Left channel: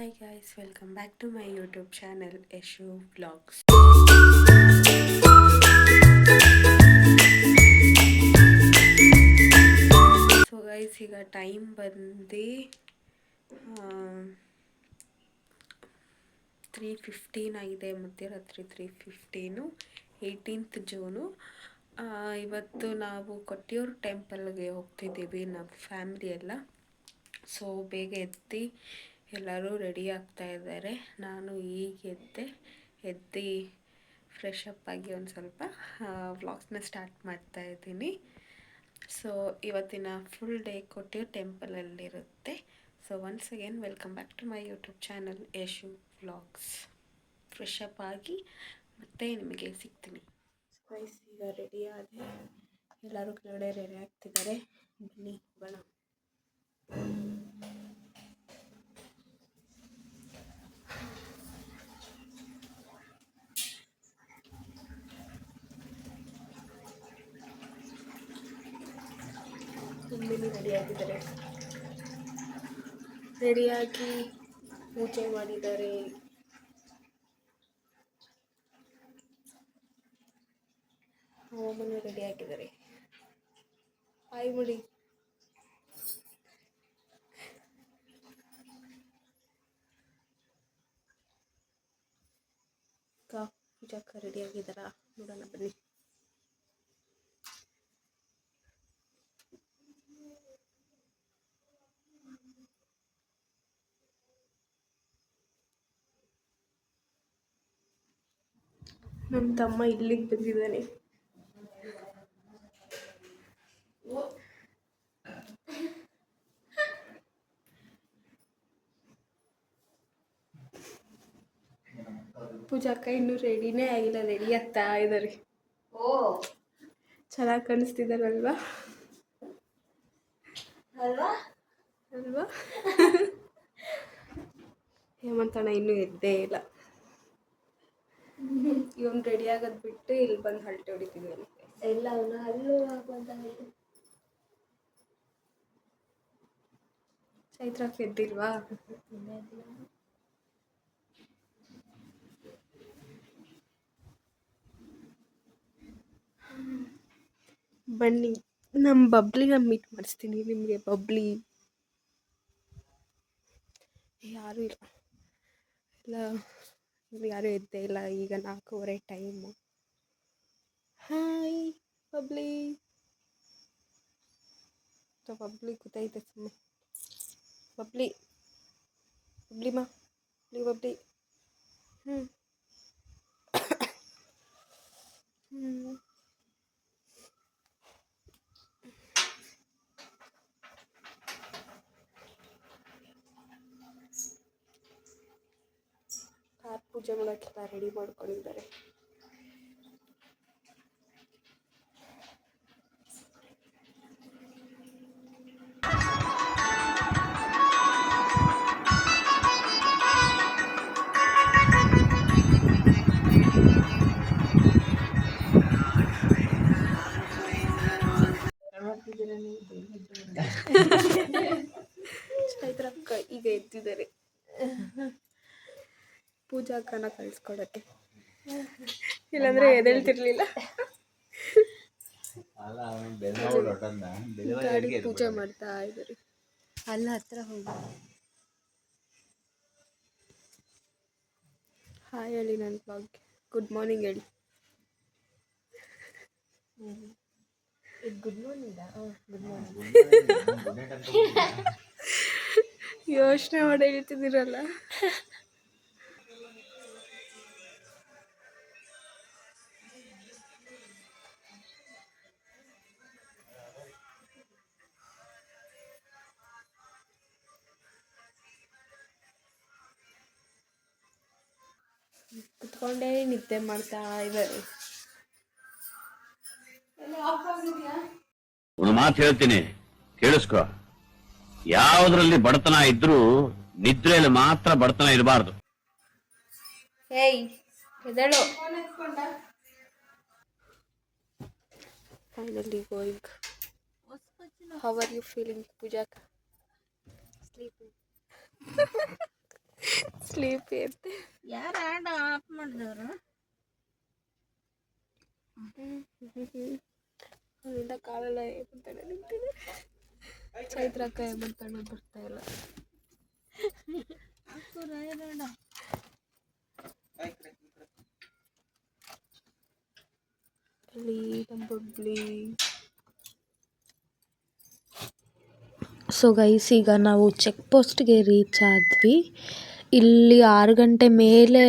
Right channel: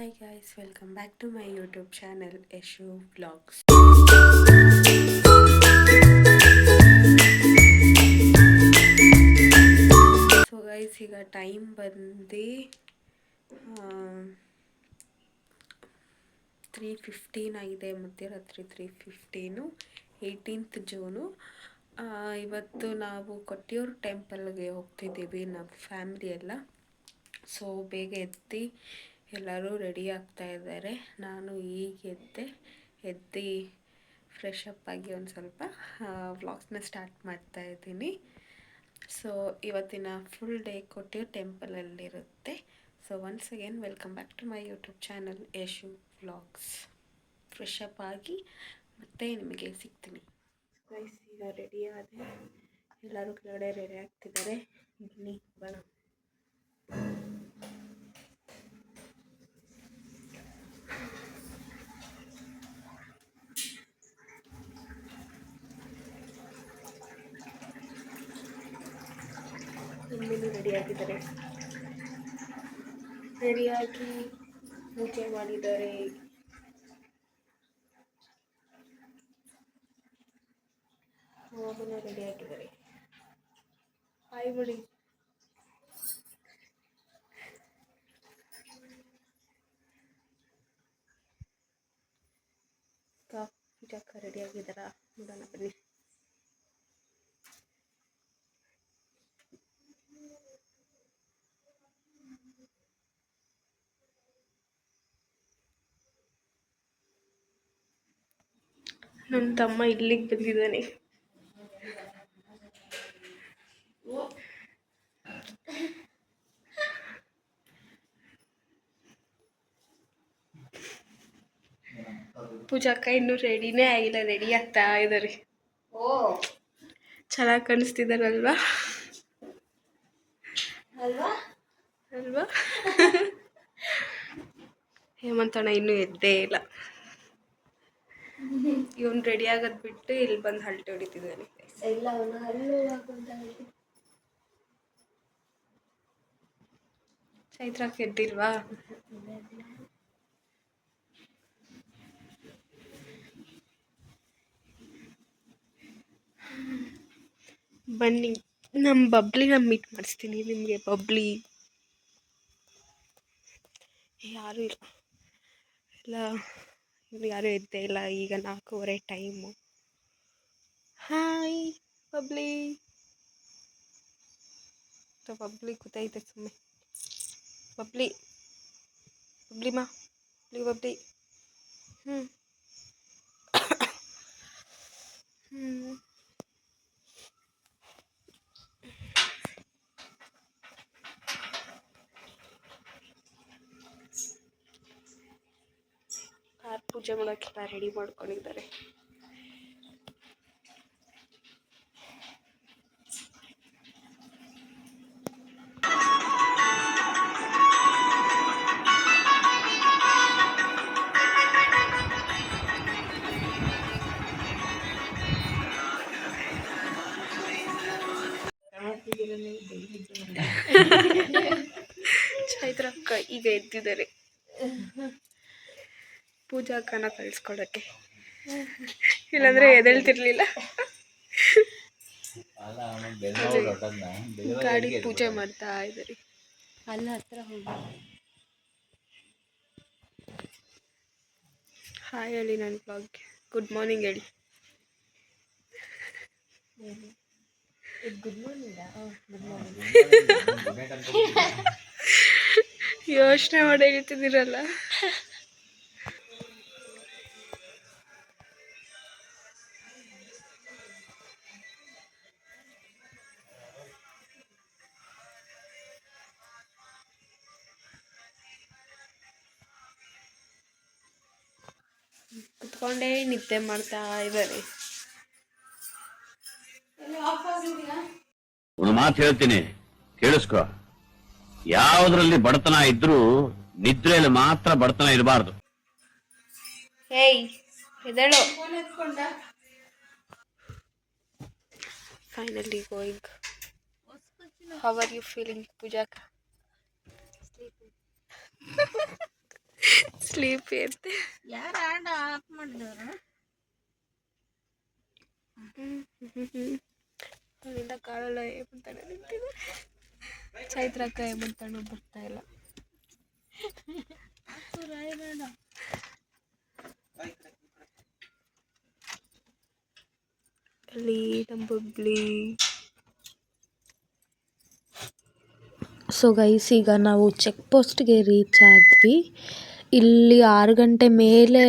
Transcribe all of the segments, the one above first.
Hi guys, welcome back to my YouTube channel Yeshu Vlogs. So guys ಈಗ time ಬಂದು 3:15 ಆಗಿದೆ, ಮಧ್ಯರಾತ್ರಿ 3:15, 18th June. ಇವತ್ತು ನಾವು ಕೊಟ್ಟಿಯೂರು ಟೆಂಪಲ್ಗೆ ಹೋಗ್ತಿದ್ದೀವಿ ನಮ್ಮ ಫ್ಯಾಮಿಲಿ ಎಲ್ಲ. ಸೊ ಬೇಗ ಎದ್ದು ಎಲ್ಲರೂ ರೆಡಿ ಆಗ್ತಾ ಇದ್ದಾರೆ. ನಾನು ಈಗ ಎದ್ದು ಫ್ರೆಶ್ ಅಪ್ ಆಗಿ ಒಂದು ಸ್ವಲ್ಪ ವ್ಲಾಗ್ಸ್ನ ಸ್ಟಾರ್ಟ್ ಮಾಡ್ತಾ ಇದ್ದೀನಿ. ಸೊ ಇವತ್ತಿನ ಫುಲ್ ಡೇ ಕೊಟ್ಟಿಯೂರು ಟೆಂಪಲಲ್ಲಿರುತ್ತೆ. So once again welcome back to my YouTube channel Yashu vlogs. Fresh up ಆಗಿ ಮತ್ತೆ ನಿಮಗೆ ಸಿಗ್ತೀನಿ. ಗೈಸ್ ಈಗ ರೆಡಿ ಆಗಿ ಎಲ್ಲರೂ ಕೆಳಗಡೆ ರೆಡಿ ಆಗ್ತಿದ್ದಾರೆ. ಬನ್ನಿ ಹೋಗೋಣ. ಮಮ್ಮಿನೂ ರೆಡಿಯಾಗಿದ್ದಾರೆ, ರೆಡಿಯಾಗಿ ಪೂಜೆ ಮಾಡಿದ್ದಾರೆ. ಮಮ್ಮನೂ ರೆಡಿಯಾಗಿದ್ದಾರೆ. ಹಾಯ್ ಮುಡಿ. ಪೂಜಾಕ್ಕ ರೆಡಿಯಾಗಿದ್ದಾರಾ ನೋಡೋಣ ಬನ್ನಿ. ನಮ್ಮ ತಮ್ಮ ಇಲ್ಲಿಗೆ ಬಂದಿದ್ದಾನೆ. ಪೂಜಾಕ್ಕ ಇನ್ನೂ ರೆಡಿನೇ ಆಗಿಲ್ಲ, ರೆಡಿ ಆಗ್ತಾ ಇದ್ದಾರೆ. ಚೆನ್ನಾಗಿ ಕಾಣಿಸ್ತಿದ್ದಾರಲ್ವಾ ಅಲ್ವಾ? ಹೇಮಂತಣ್ಣ ಇನ್ನೂ ಎದ್ದೇ ಇಲ್ಲ. ಇವನು ರೆಡಿ ಆಗೋದು ಬಿಟ್ಟು ಇಲ್ಲಿ ಬಂದು ಹಲ್ಟೆ ಹೊಡಿತಿದ್ದಾನೆ. ಚೈತ್ರಕ್ಕೆ ಎದ್ದಿಲ್ವಾ? ಬನ್ನಿ, ನಮ್ಮ ಬಬ್ಲಿನ ಮೀಟ್ ಮಾಡಿಸ್ತೀನಿ ನಿಮಗೆ. ಬಬ್ಲಿ ಯಾರೂ ಇಲ್ಲ, ಎಲ್ಲ ಇನ್ನು ಯಾರೂ ಎದ್ದೇ ಇಲ್ಲ. ಈಗ 4:15 ಟೈಮು. Hi Bubbly. ಬಬ್ಲಿ ಕೂತೈತೆ ಸುಮ್ಮನೆ. ಬಬ್ಲಿ ಬಬ್ಲಿಮಾ ಬಬ್ಲಿ. ಹ್ಞೂ ಕಾರ್ ಪೂಜೆ ಮಾಡೋಕ್ಕೆಲ್ಲ ರೆಡಿ ಮಾಡ್ಕೊಂಡಿದ್ದಾರೆ. ಚೈತ್ರಕ್ಕ ಈಗ ಎದ್ದಿದ್ದಾರೆ ಪೂಜಾಕ್ಕನ ಕಳಿಸ್ಕೊಡಕ್ಕೆ, ಇಲ್ಲಾಂದ್ರೆ ಎದ್ದೇಳ್ತಿರ್ಲಿಲ್ಲ. ಗಾಡಿ ಪೂಜೆ ಮಾಡ್ತಾ ಇದ್ದಾರೆ. ಅಲ್ಲ ಹತ್ರ ಹೋಗಿ ಹಾಯ್ ಹೇಳಿ ನನ್ನ ಬ್ಲಾಗ್ಗೆ. ಗುಡ್ ಮಾರ್ನಿಂಗ್ ಹೇಳಿ. Good morning. ಗುಡ್ ಮಾರ್ನಿಂಗ್ ಯೋಚನೆ ಮಾಡಿ ಹೇಳ್ತಿದ್ದೀರಲ್ಲ. ಕುತ್ಕೊಂಡೇ ನಿದ್ದೆ ಮಾಡ್ತಾ ಇದ್ದಾರೆ. ಒಂದು ಮಾತು ಹೇಳ್ತೀನಿ, ಕೇಳಿಸ್ಕೊ. ಯಾವುದ್ರಲ್ಲಿ ಬಡತನ ಇದ್ರೂ ನಿದ್ರೆಯಲ್ಲಿ ಮಾತ್ರ ಬಡತನ ಇರಬಾರ್ದು. ಹೇಯ್ ಎದ್ದೇಳು. Finally going. How are you feeling ಪೂಜಾಕ? ಸ್ಲೀಪಿ ಇರುತ್ತೆ. ಯಾರು ಆಫ್ ಮಾಡಿದವರು? ಅಲ್ಲಿಂದ ಕಾಲೆಲ್ಲ ಏಮಂತಾನೆ ನಿಂತಿದೆ. ಚೈತ್ರಕ್ಕ ಏಮಂತಾನು ಬರ್ತಾ ಇಲ್ಲ. ಅಲ್ಲಿ ನಮ್ಮ ಬಬ್ಲಿ. ಸೊ ಗೈಸ್, ಈಗ ನಾವು ಚೆಕ್ ಪೋಸ್ಟ್ಗೆ ರೀಚ್ ಆದ್ವಿ. ಇಲ್ಲಿ 6 ಗಂಟೆ ಮೇಲೆ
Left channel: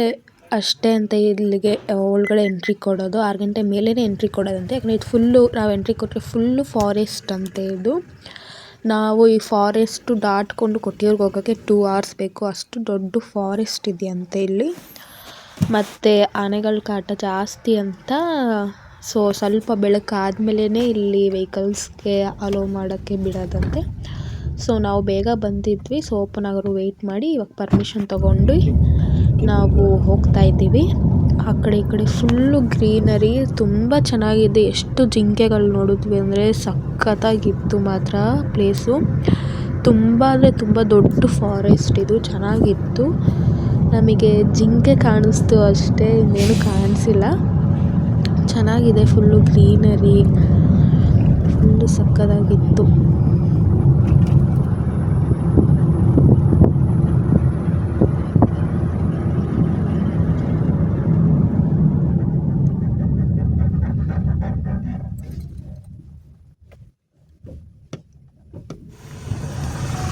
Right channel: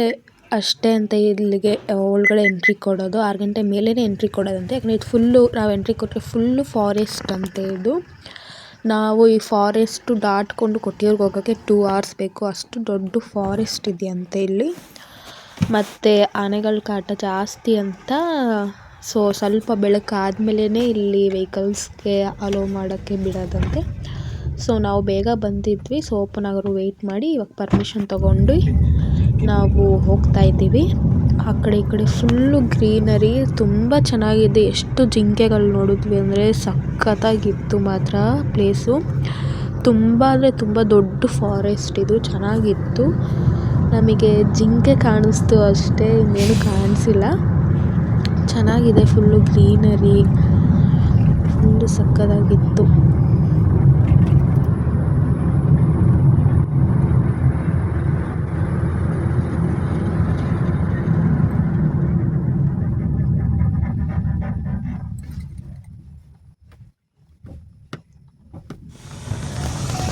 ಅಷ್ಟೇ ಅಂತ ಇಲ್ಲಿಗೆ ಒಳಗಡೆ ಎಂಟ್ರಿ ಕೊಡೋದು. 6 ಗಂಟೆ ಮೇಲೇ ಎಂಟ್ರಿ ಕೊಡೋದಂತೆ. ಯಾಕಂದರೆ ಇದು ಫುಲ್ಲು, ನಾವು ಎಂಟ್ರಿ ಕೊಟ್ಟರೆ ಫುಲ್ಲು ಫಾರೆಸ್ಟ್ ಅಂತೆ ಇದು. ನಾವು ಈ ಫಾರೆಸ್ಟು ದಾಟ್ಕೊಂಡು ಕೊಟ್ಟಿಯೂರ್ಗೆ ಹೋಗೋಕ್ಕೆ 2 hours ಬೇಕು. ಅಷ್ಟು ದೊಡ್ಡ ಫಾರೆಸ್ಟ್ ಇದೆಯಂತೆ ಇಲ್ಲಿ. ಮತ್ತು ಆನೆಗಳ ಕಾಟ ಜಾಸ್ತಿ ಅಂತ. ಸೊ ಸ್ವಲ್ಪ ಬೆಳಕಾದ್ಮೇಲೆ ಇಲ್ಲಿ ವೆಹಿಕಲ್ಸ್ಗೆ ಅಲೋ ಮಾಡೋಕ್ಕೆ ಬಿಡೋದಂತೆ. ಸೊ ನಾವು ಬೇಗ ಬಂದಿದ್ವಿ. ಸೊ ಓಪನ್ ಆಗೋರು ವೆಯ್ಟ್ ಮಾಡಿ ಇವಾಗ ಪರ್ಮಿಷನ್ ತೊಗೊಂಡು ನಾವು ಹೋಗ್ತಾ ಇದ್ದೀವಿ. ಆ ಕಡೆ ಈ ಕಡೆ ಫುಲ್ಲು ಗ್ರೀನರಿ, ತುಂಬ ಚೆನ್ನಾಗಿದೆ. ಎಷ್ಟು ಜಿಂಕೆಗಳು ನೋಡಿದ್ವಿ ಅಂದರೆ ಸಖತ್ತಾಗಿತ್ತು ಮಾತ್ರ ಪ್ಲೇಸು. ತುಂಬ ಅಂದರೆ ತುಂಬ ದೊಡ್ಡ ಫಾರೆಸ್ಟ್ ಇದು, ಚೆನ್ನಾಗಿತ್ತು. ನಮಗೆ ಜಿಂಕೆ ಕಾಣಿಸ್ತು ಅಷ್ಟೇ, ಇನ್ನೇನು ಕಾಣಿಸಿಲ್ಲ. ಚೆನ್ನಾಗಿದೆ, ಫುಲ್ಲು ಗ್ರೀನರಿ, ಫುಲ್ಲು ಸಕ್ಕತ್ತಾಗಿತ್ತು.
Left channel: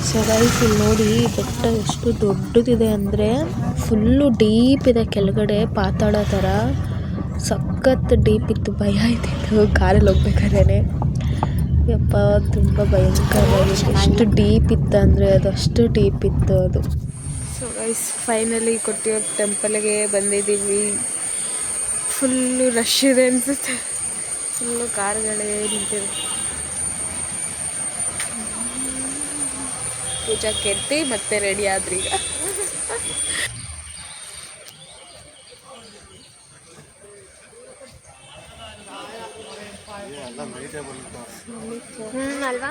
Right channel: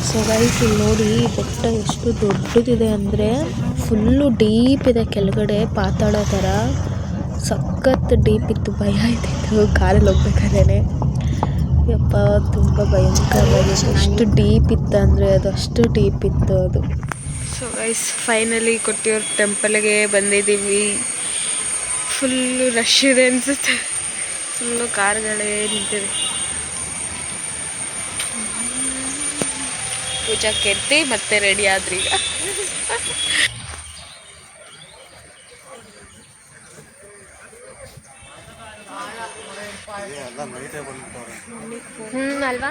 ಸೊ ಗೈಸ್, ಇಲ್ಲಿ ನೋಡಿ ಬೆಟ್ಟ ಎಷ್ಟು ದೊಡ್ಡದಿದೆ ಅಂದರೆ ಫುಲ್ಲು ಡೀಪ್ ಇದೆ. ಕೆಳಗಡೆ ಪಾತಾಳ ಥರ ಸಖತ್ ಡೀಪ್ ಇತ್ತು. ಭಯ ಆಯ್ತಿತ್ತು ಕಾರಲ್ಲಿ ಹೋಗ್ಬೇಕಾದ್ರೆ. ಯಪ್ಪ, ತುಂಬ ಭಯಂಕರವಾಗಿತ್ತು. ಎಷ್ಟು ಡೀಪ್ ಇತ್ತು ಅಂದರೆ ಅದು ಅಷ್ಟು ಡೀಪ್ ಇತ್ತು ಅದು. ಸೊ ಗೈಸ್, ಫೈನಲಿ ಕೊಟ್ಟಿಯೂರು ಟೆಂಪಲ್ಗೆ ಬಂದಿದ್ದೀವಿ. ಫುಲ್ಲು ರಶ್ ಇದೆ ಅನಿಸುತ್ತೆ. ಫುಲ್ಲು ಕಾರ್ಗಳೇ ನಿಂತಿದೆ. ಪೂಜಾ ಕೆತ್ತಿ ಮತ್ತೆ ರೆಡಿ ಆದ್ರಿ ಈಗ. ಅಲ್ವಾ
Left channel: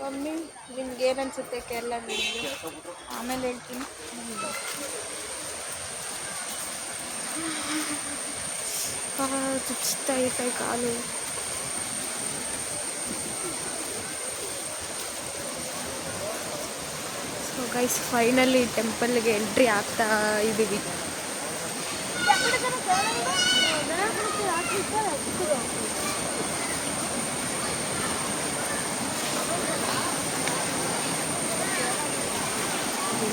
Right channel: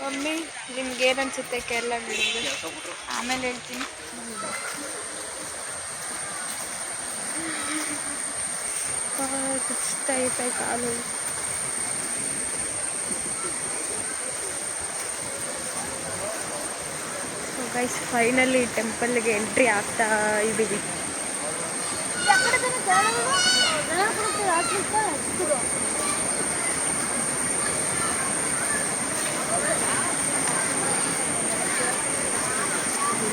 ಮಮ್ಮಿ, ನಿಮ್ಗೆ ಏನನ್ಸುತ್ತೆ ಕೇರಳ? ಆಮೇಲೆ ಹೇಳ್ತೀನಿ. ಚುಚ್ತಾ ಐತೆ ಕಾಲು. ಸೊ ಗೈಸ್, ಫೈನಲಿ ಟೆಂಪಲ್ಗೆ ಎಂಟ್ರಿ ಆಗ್ತಾ ಇದ್ದೀವಿ.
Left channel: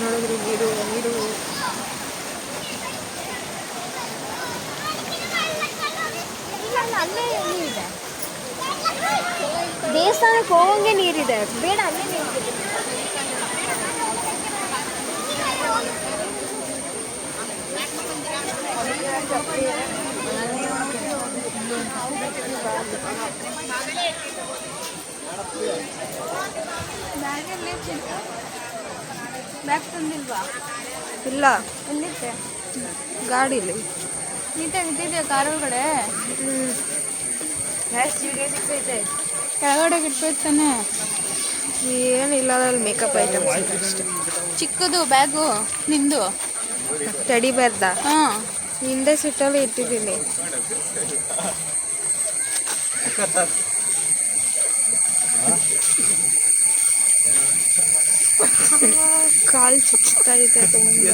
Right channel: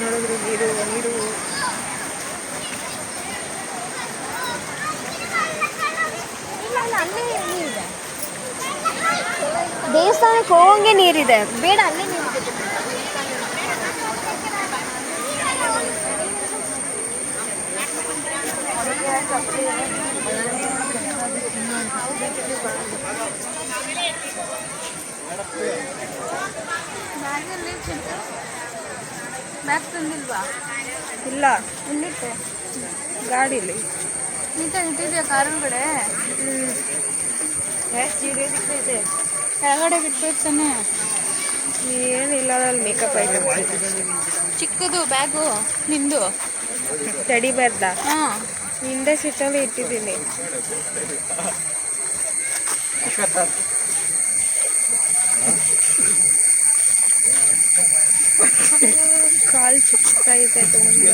ನೋಡಿದ್ರೆ ನೀರು ನೀರು ಅಲ್ಲೇ ನೀರಿದೆ. ದೇವಸ್ಥಾನಕ್ಕೆ ಹೋಗಂಗೆ ನೀರಿದೆ. ಬೇಡ, ಅಲ್ಲೇ ನೀರಿದೆ. ಬ್ಯಾಗ್ ತಂದಿಲ್ವಾ? ಇಲ್ಲ. ಎಲ್ಲಿಟ್ಟೆ? ಗಾಡೀಲಿ ನೀಟಾಗಿ ಇಟ್ಟಿದ್ಯಾ ಕಾರ್ ಒಳಗಡೆ? ಕೆಳಗಡೆ ಇಟ್ಬೇಕು ತಾನೆ. ಏನಿಲ್ಲ, ಅಲ್ಲಿ ಮೇಕಪ್ ಐಟಮ್ಸ್ ಇದೆ ಅಷ್ಟೇ. ಚಿಕ್ಕದು ಬ್ಯಾಗು ನಿಂದು ಟೆಡಿ ಬೇರ್ದ ಹಾಂ, ಹಿಂದೆ ಸಿಟ್ಟಲ್ಲಿ ಇಟ್ಟಿದ್ದೀನಿ. ಕಾಲು ಚುಚ್ತಾ ಇದೆ ತುಂಬ.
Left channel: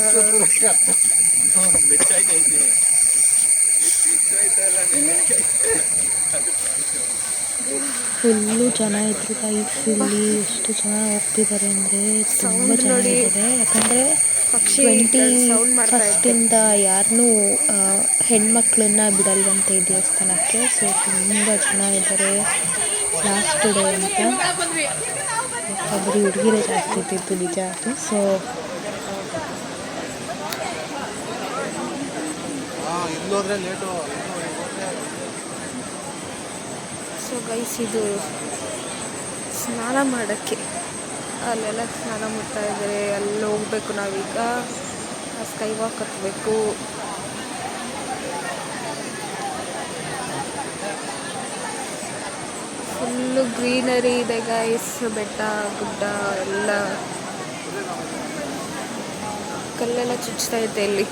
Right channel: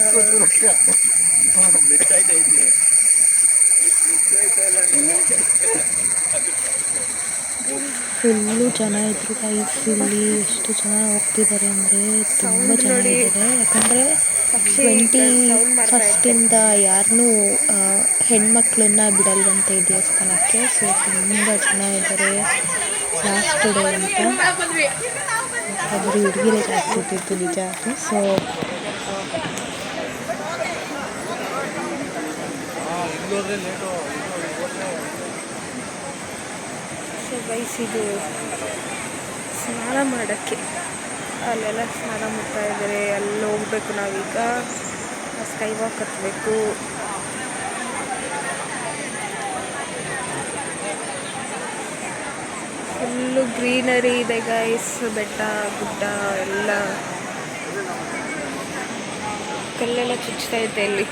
ಫುಲ್ಲು ಜನ ಇದ್ರು ಗೈಸ್. ಇಲ್ಲಿ ಎಷ್ಟು ಜನ ಹೋಗ್ತಿದ್ದಾರೆ ಅಂದರೆ ತುಂಬ ಜನ ಇದ್ದಾರೆ. ಯಾಕಂದರೆ 21st ಯಾರನ್ನೂ ಹೆಣ್ಮಕ್ಳನ್ನ ಬಿಡಲ್ವಂತೆ ಈ ದೇವಸ್ಥಾನಕ್ಕೆ. ಸೊ ತುಂಬ ಜನ ಇದ್ದಾರೆ. ಲಾಸ್ಟ್ ಡೇ ಅಂತ. ಬರೀ ಹುಡುಗಿರೇ ಜಾಸ್ತಿ ಇದ್ದಿದ್ದು ನಿಜ ಅದು. ಸೊ ಗೈಸ್, ಇದು ಸ್ನಾನ ಮಾಡೋಕ್ಕೆ ಅಲ್ಲೆಲ್ಲ ಸ್ನಾನ ಮಾಡ್ತಾ ಇದ್ದಾರೆ. ಅಲ್ಲಿ ಹೋಗ್ಬೇಕು ನಾವೀಗ. ಸ್ಕೈ ವಾಕ್ ಹತ್ತಬೇಕು. ಫುಲ್ಲು ಗ್ರೀನರಿ ಇದೆ ಗೈಸ್. ಬೆಟ್ಟ ಗುಡ್ಡ ಎಲ್ಲ ಕಲ್ಲೆಲ್ಲ ಚುಚ್ತಾ ಐತೆ ಇಲ್ಲಿ.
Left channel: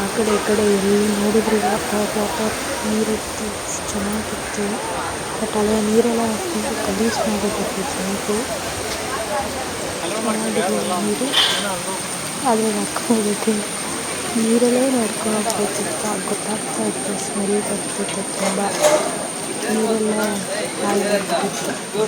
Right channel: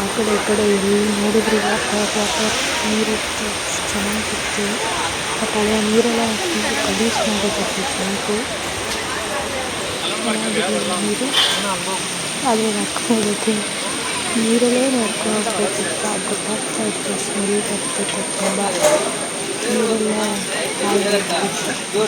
ಆ ಕಡೆ ಈ ಕಡೆ ಎಲ್ಲಿ ನೋಡಿದ್ರು ವಾಟರ್ ನೀರಿತ್ತು, ಚೆನ್ನಾಗಿತ್ತು. ಬಟ್ ಹಳೆಯ ನೀರೆಲ್ಲ ಫುಲ್ ಗಲೀಜ್ ಮಾಡಿದ್ದಾರೆ ಜನರು. ಚೆನ್ನಾಗಿರಲಿಲ್ಲ ನೀರು, ಆದರೆ ನಡ್ಕೊಂಡು ನೀರಲ್ಲೇ ನಡ್ಕೊಂಡು ಹೋಗ್ಬೇಕಿತ್ತು. ಗೊತ್ತಾಗ್ತಾ ಇತ್ತು, ಸ್ಮೆಲ್ ಬರ್ತಿತ್ತು ತುಂಬ. ನೀರೆಲ್ಲ ಹಾಳಾಗ್ಬಿಟ್ಟಿತ್ತು.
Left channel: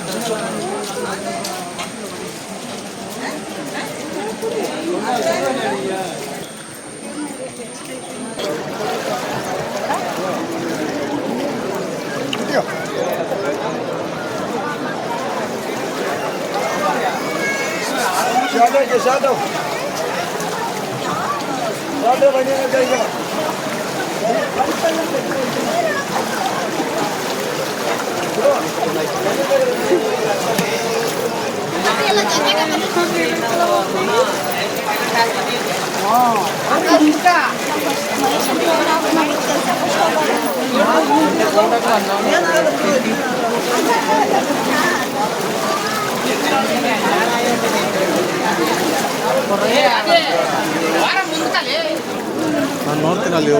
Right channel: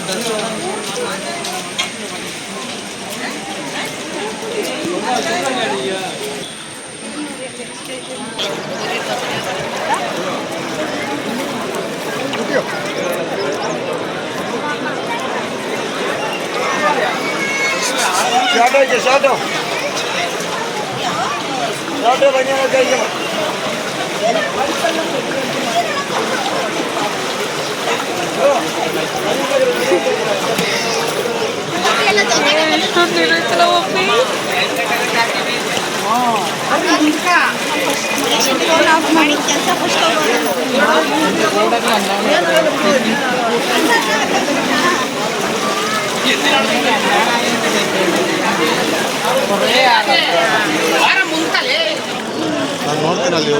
ನಾನು ನೋಡ್ತೀನಿ ಅಲ್ಲಿ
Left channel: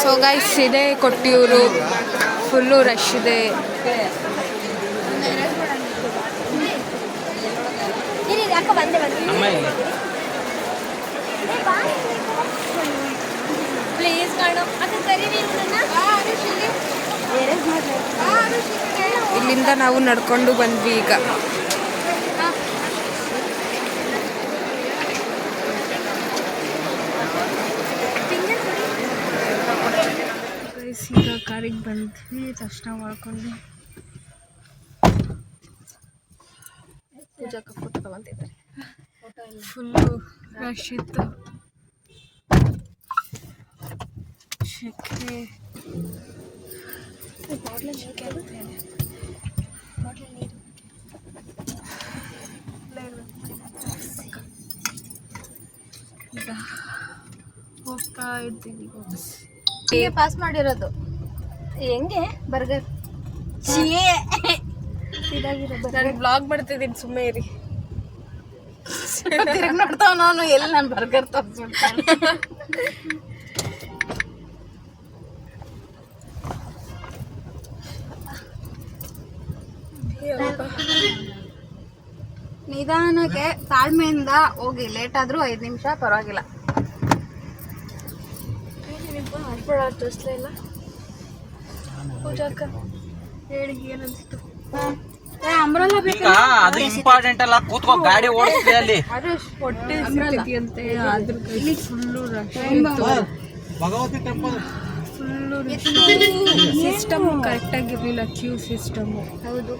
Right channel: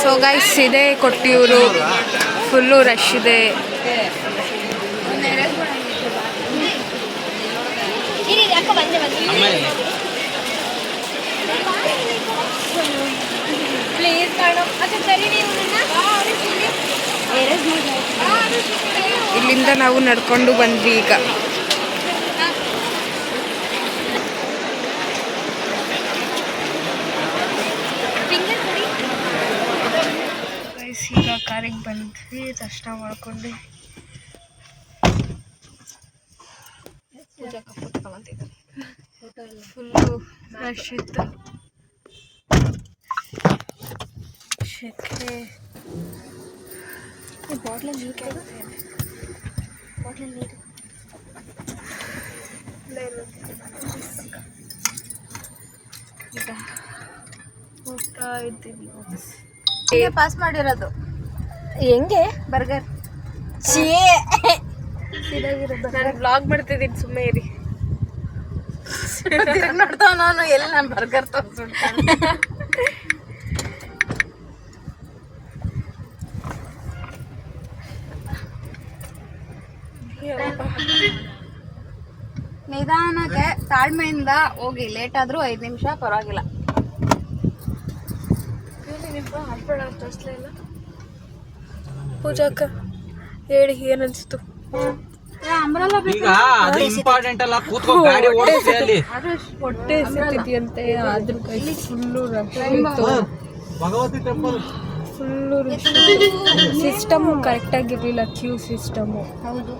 ಸೊ ಗೈಸ್, ಇದೆ ಕೊಟ್ಟಿಯೂರು. ಫುಲ್ಲು ರಶ್ ಇದೆ. ಇಲ್ಲಿಂದ ನಾವು ನಡ್ಕೊಂಡು ಬಂದ್ವಿ ಈಗ. ಈಗ ಕಾರಿಗೆ ಬಂದ್ವಿ, ದರ್ಶನ ಮಾಡ್ಕೊಂಡು. ಫುಲ್ಲು ರಶ್ ಇತ್ತು. ಶೆಕೆ. ಈಗ ಹೋಗ್ತಾ ಇದ್ದೀವಿ ವಾಪಸ್. ಪಾಸ್ ಮಾಡಿರೋದು ಹೆಂಗೆ ಬರ್ಗರ್ ನಾನು ಬ್ಲಾಗ್ ಮಾಡ್ತಿದ್ದೀನಿ, ಸುಮ್ಮನೆ ಇರಿ. ನೋಡ್ತಾವ ನಾನು ಎಲ್ಲಿ ನಾನು ಬರ್ಗರ್ ತೋರಿಸ್ಬಿಡ್ತೀನಿ. ನಿಧಾನಕ್ಕೆ ತಾಳ್ಮೆಯಿಂದ ಹೋಗಿ, ಲೇಟ್ ಆದ್ರೂ 5 ನಿಮಿಷ ಪರವಾಗಿಲ್ಲ. ತೋರಿಸ್ಲೇ ಇಲ್ಲ. ಪೂಜಾಕ್ಕ ಹೇಳಿ, ಏನನ್ನಿಸ್ತು? ಇಂಪಾರ್ಟೆಂಟ್ ಅಲ್ಲ, ಕೂತ್ಕೊ ಗಾಡಿ ಓಡಿಸಿ ಅಲ್ಲಿ. ಹೊಟ್ಟೆ ಸಿಕ್ಕಿದೆಯಂತೆ, ಆದ್ರೂ ಕೈಲಿ ಫುಲ್ಲು ರಶ್ ಇತ್ತು. Full rush. ಸಿಸ್ಟಮ್ ಕರೆಕ್ಟಾಗಿರಲಿಲ್ಲ, ಕ್ಯೂ ಸಿಸ್ಟಮು. ಹೌದು,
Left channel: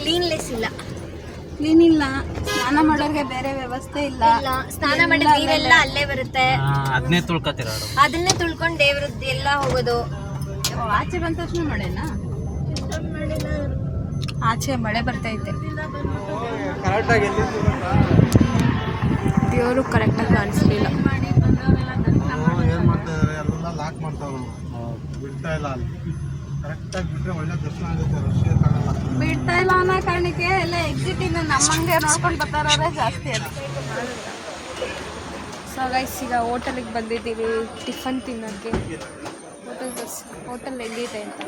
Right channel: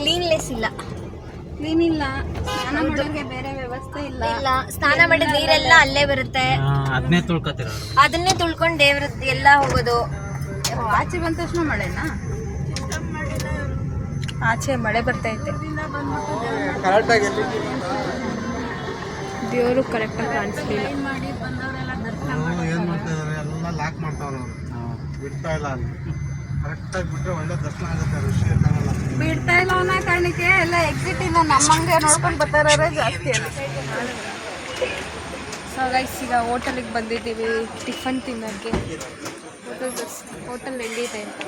ಕ್ಲೀನ್ಲೆಸ್ ಇಲ್ಲ. ಕ್ಲೀನ್ ಇಲ್ಲ. ಸ್ನಾನ ಮಾಡೋರಿಗೆ ಬೇರೆ ವ್ಯವಸ್ಥೆ ಇಲ್ಲ. ಸ್ನಾನ ಮಾಡಿದ ನೀರೆಲ್ಲ ಅಲ್ಲೇ ಬರುತ್ತೆ. ಅದನ್ನೇ ತುಳ್ಕತ್ತೀರ, ಅದನ್ನೇ ತುಳ್ಕೊಂಡು ದೇವ್ರದ್ದು ಎಲ್ಲ ಹೋಗೋದು. ಆಚೆ ಬಂದ ತಕ್ಷಣ ಮಳೆನಾ? ಆಚೆ ಮಳೆ ಬರ್ತೈತೆ. ದೇವರು ಕರೆಕ್ಟಾಗಿ ಕಾಣಿಸ್ಲಿಲ್ಲ. ಏನು ಮಾಡ್ತಾ ಇದ್ದಾರೆ, ಎಲ್ಲ ಲಾಕ್ ಮಾಡ್ತಾವ್ರು, ಬಿಡ್ತಾ ಇಲ್ಲ. ಅಲ್ಲಿ ಕರೆಕ್ಟಾಗಿ ಬಿಟ್ಟರೆ ಒಳ್ಳೆ ದರ್ಶನ ಆಗುತ್ತೆ. ರಶ್ ಇರ್ತಾನಲ್ಲ, ಬಿಡ್ತಾ ಇಲ್ಲ ಅನ್ನೋ ಕಾರಣಕ್ಕೆ ಎಲ್ಲ ಎಕ್ಸಿಟ್ ಇಂದ ನಮ್ಮಂಗೆ ನೋಡ್ಕೊಂಡು ಬರ್ತಾರ ಜಾಸ್ತಿ ಅಲ್ಲ. ಸೊ ಗೈಸ್, ಈಗ ಹೋಟೆಲಿಗೆ ಬಂದಿದ್ದೀವಿ ಟಿಫನ್ ತಿನ್ನೋಕ್ಕೆ. ಹೋಟೆಲ್ ಹೆಂಗಿದೆ ಅಂತ